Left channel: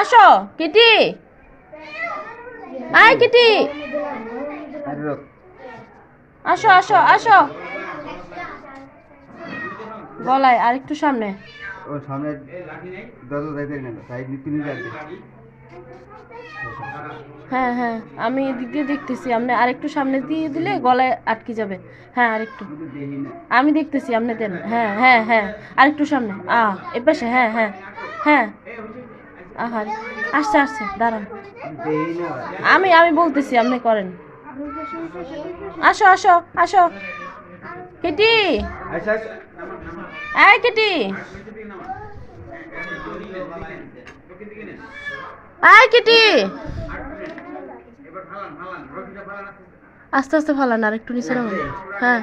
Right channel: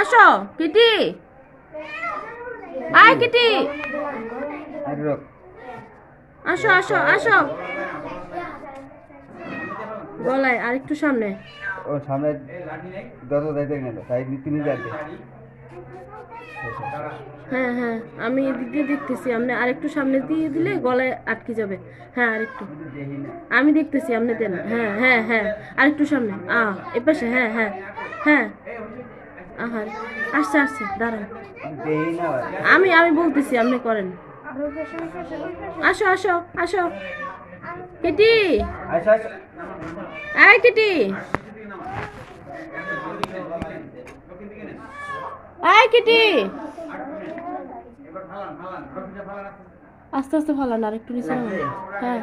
আসো কিটি, আয় কিটি, আসো আসো আসো, গলায় আর একটু সামনে। ও সামনে দাদা যাইতে না তাই তিনি যাবে। হ্যাঁ হ্যাঁ, আমি এদিক দিয়ে দেখতেছি, আপনি আরেকটু সামনে দিয়ে দিলে গলায় আটকে যাবে। হ্যাঁ আরেকটু, আমি দেখতেছি, আপনি দেন। হ্যাঁ হ্যাঁ হ্যাঁ, আরেকটু সামনে, এপাশে, হ্যাঁ হ্যাঁ হ্যাঁ। আহার, আসছে আসছে, দাঁড়ান, আমি আমি বলতেছি, আপনি করেন। আসো আসো আসো কিটি, আয় কিটি, আয় কিটি, আস্তে আস্তে ফালান, আর একটু নিচে নামান। হ্যাঁ,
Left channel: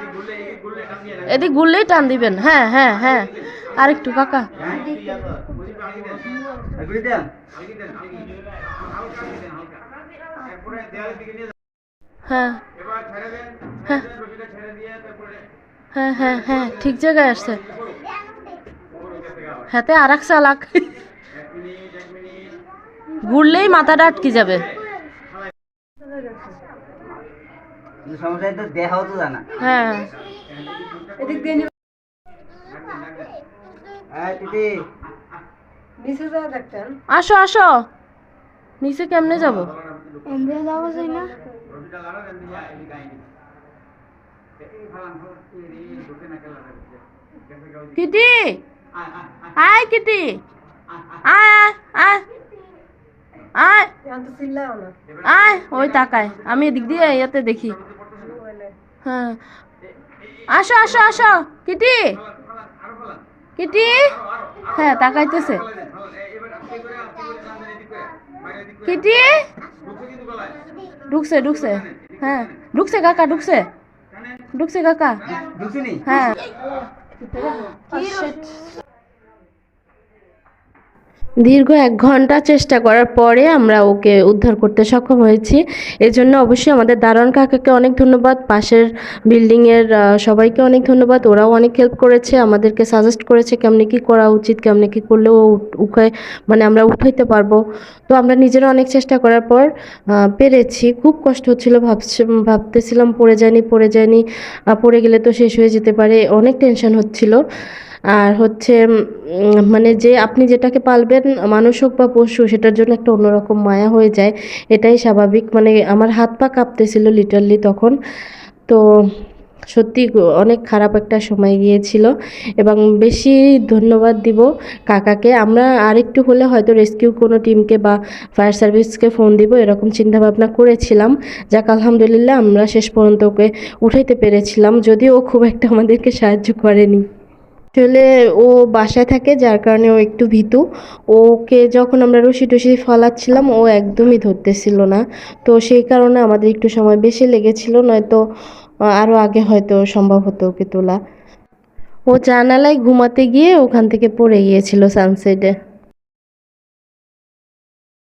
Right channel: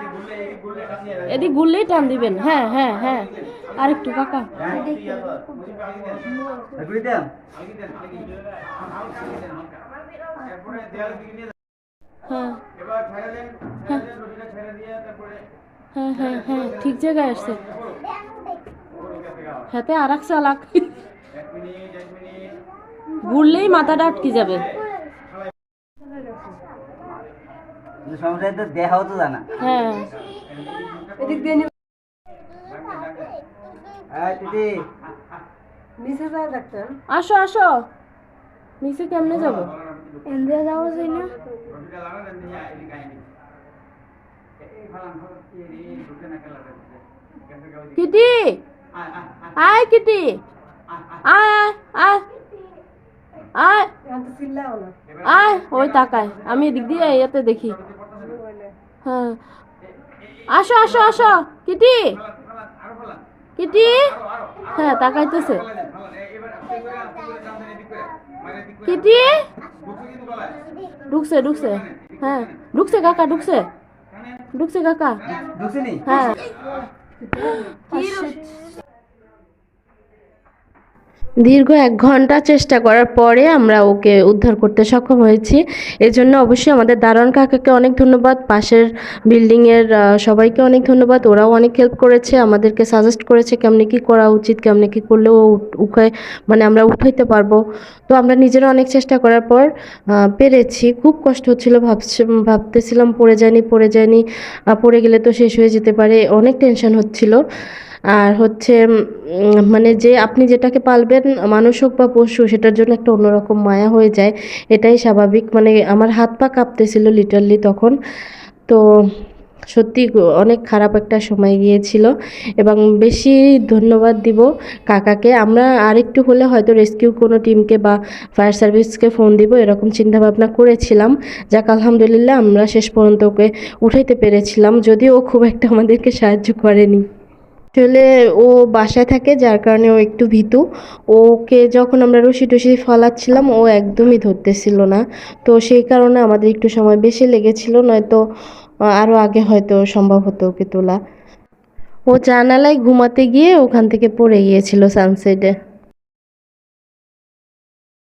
এদিক গুললেই টান দিবেন। হ্যাঁ হ্যাঁ হ্যাঁ, আর একটু কাকা। হ্যাঁ হ্যাঁ হ্যাঁ হ্যাঁ হ্যাঁ, ঠিক জায়গায় আসছে। হাতে আর এক চালাক, ঘুরলেই মাথাটা আটকে যাবে। দেখাও তো জানা। হ্যাঁ, আসো আসো, নিচে কেমনে যাবো? যাওয়া যায় না। কিটি, আয় কিটি, আয় আয় আয় আয়, ওই তাকায়, আমি এদিক দিয়ে ইয়াতে দেখি। হ্যাঁ, আসো আসো আসো কিটি, কিটি, হ্যাঁ তাকাইতেছে। কিটি, ঢুকছে ঢুকছে, হ্যাঁ ঢুকছে কাকা, ঢুকছে ঢুকছে কাকা। হ্যাঁ, দীর্ঘ 1 ঘন্টা চেষ্টা করার পরে আমরা ওকে উদ্ধার করতে সক্ষম হয়েছি। এজন্য অবশ্যই আমাদের দারোয়ান কাকাকে অনেক ধন্যবাদ, পাশের বিল্ডিংয়ের সবাইকে অনেক ধন্যবাদ। ওরাও অনেক হেল্প করেছে, আমাদেরকে সাজেস্ট করেছে কেমনে কী করা উচিত, কেমনে কী করলে ও উঠায়, মানে আমরা উঠাইতে পারবো। তো আমরা নিজেরা অনেক চেষ্টা করার পর পেরেছি। খুব কষ্ট হচ্ছিল, ভাবতেছিলাম পড়ে যায়নি পড়ে গেলে তো শেষ হয়ে যেতে পারে, অনেক টেনশন হচ্ছিল। আর হচ্ছে মানে যে আপনি যেটাকে পালবেন, মানুষ হোক বা পশু, সেটার জন্য একটা অন্যরকম মায়া হয়ে যায়, এটাই স্বাভাবিক। মানে আমার হাত পা কাঁপতেছিল লিটারলি তখন। তো সত্যি অনেক খারাপ একটা সময় গিয়েছিল, এবং বেশি ধন্যবাদ দিব কাকাকে। আমরা আরেকটু হলে হয়তো রেস্কিউ কোনো টিমকে বা ফায়ার সার্ভিসকে ফোন দিব, এরকম চিন্তাভাবনা করেছিলাম। যাক আলহামদুলিল্লাহ, আমরা শেষ পর্যন্ত ওকে উঠাইতে পেরেছিলাম, যদিও ও খুব একটা আমাদেরকে সাহায্য করেনি। আসলে ও বাসায় থাকে, যার কারণে ও একটু ভীতু। ওকে যখন আমরা রশি টসি ফলাচ্ছিলাম, ও একদমই ধরতেছিল না। তো সেই কারণে আমাদের একটু সময় বেশি লেগেছিল, নয়তো আরও আগে হয়তো সম্ভব হতো ওকে তোলা। ও জানালায় ঘুমাতে গিয়ে ওখান থেকে পড়ে গিয়েছিল সানসেটে।